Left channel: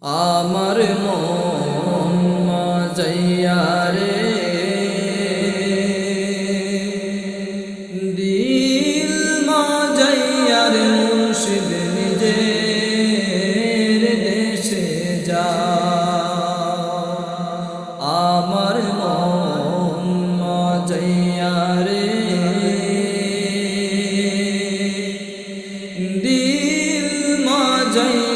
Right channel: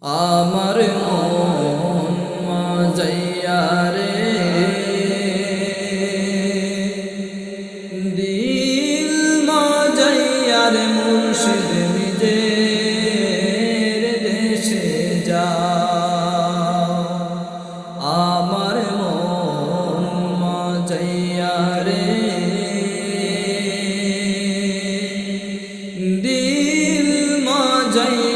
আমার মন মাজাইয়া রে। দিল মাজাইয়া রে মুর্শিদ নিজের দেশে যা। আমার মন মাজাইয়া রে। দিল মাজাইয়ার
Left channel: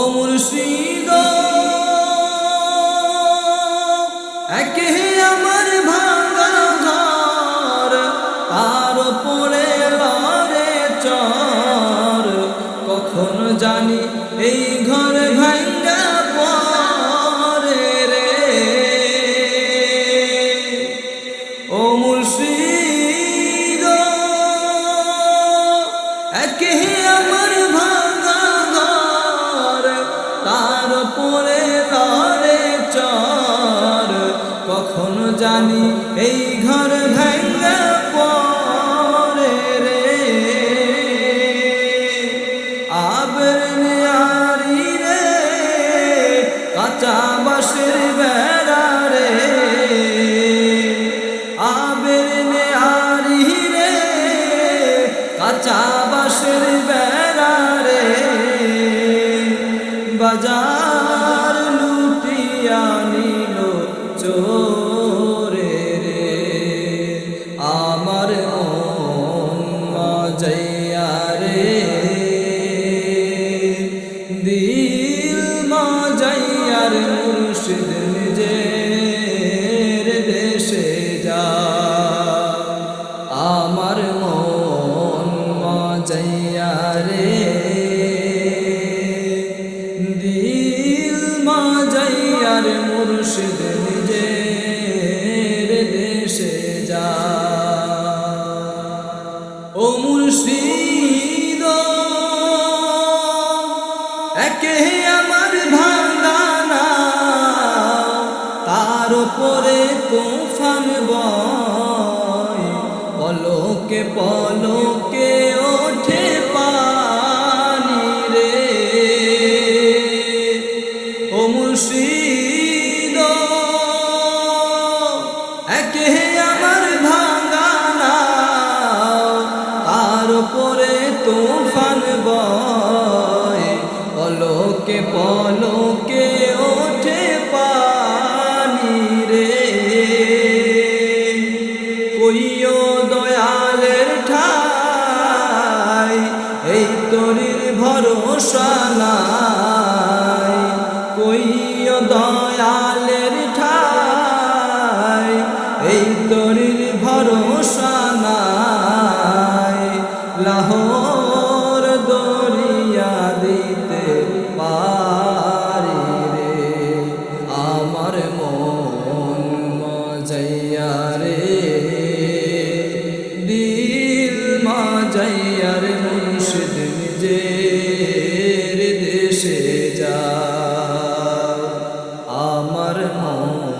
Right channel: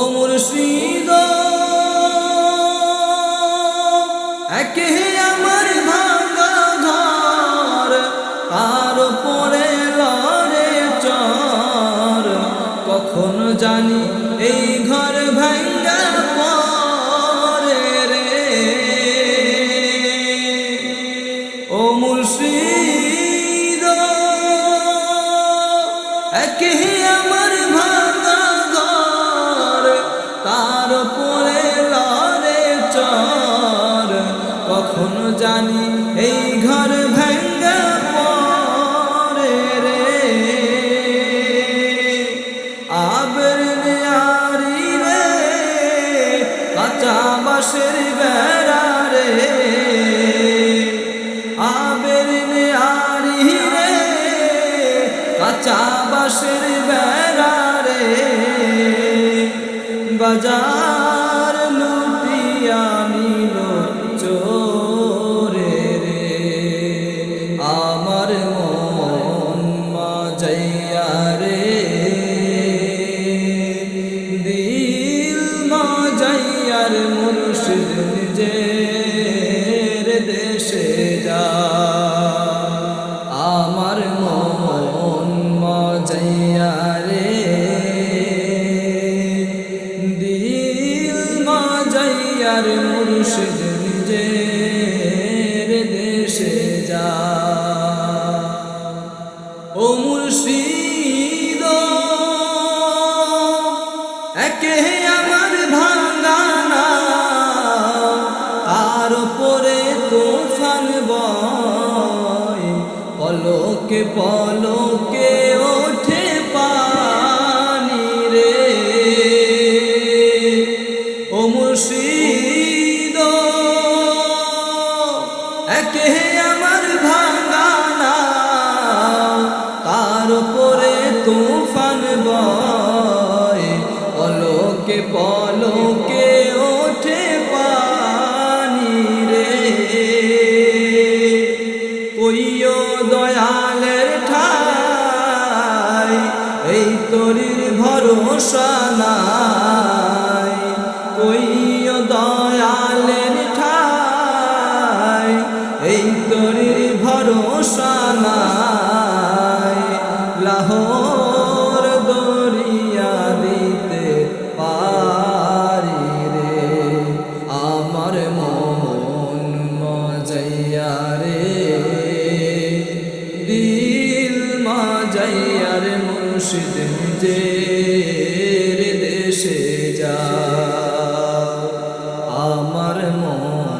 ও মুর্শিদ। একে আমার ভাঙ্গা ঘর, তার পরে লরে চর। কখন জানি এই ঘর ভাঙ্গা পরে রে। ও মুর্শিদ, একে আমার ভাঙা পরে লরে চর। কখন জানি এই ঘর ভাঙ্গা পরে রে। আবর নিয়ারি রে, কাঁচা বাঁশের বেড়া রে। আবের নেয়ারি রে, কাঁচা বাঁশের বেড়া রে। বাজার লুটিয়া নিল চোরে রে। আমার মন মাজাইয়া রে। দিল মাজাইয়ার মুর্শিদ নিজের দেশে যা। আমার মন দিল মাজাইয়ার মুর্শিদ নিজের দেশে যা। ও মুর্শিদ, একে আমার ভাঙ্গানা তার উপরে তুফান বয়, পলকে পলকে ওঠে একে আমার ভাঙ্গানা তার উপরে তুফান বয়। পলকে পলকে ওঠে পানি রে। কইও দয়ালের ঠাই, এই তরির ভরসা নাই। কইও দয়ালের তরির ভরসা নাই। লাহোর দরিয়া দিতে পারি রে। আমার মন মজাইয়া রে। দিল মাজাইয়া রে মুর্শিদ নিজের দেশে যা আমার মন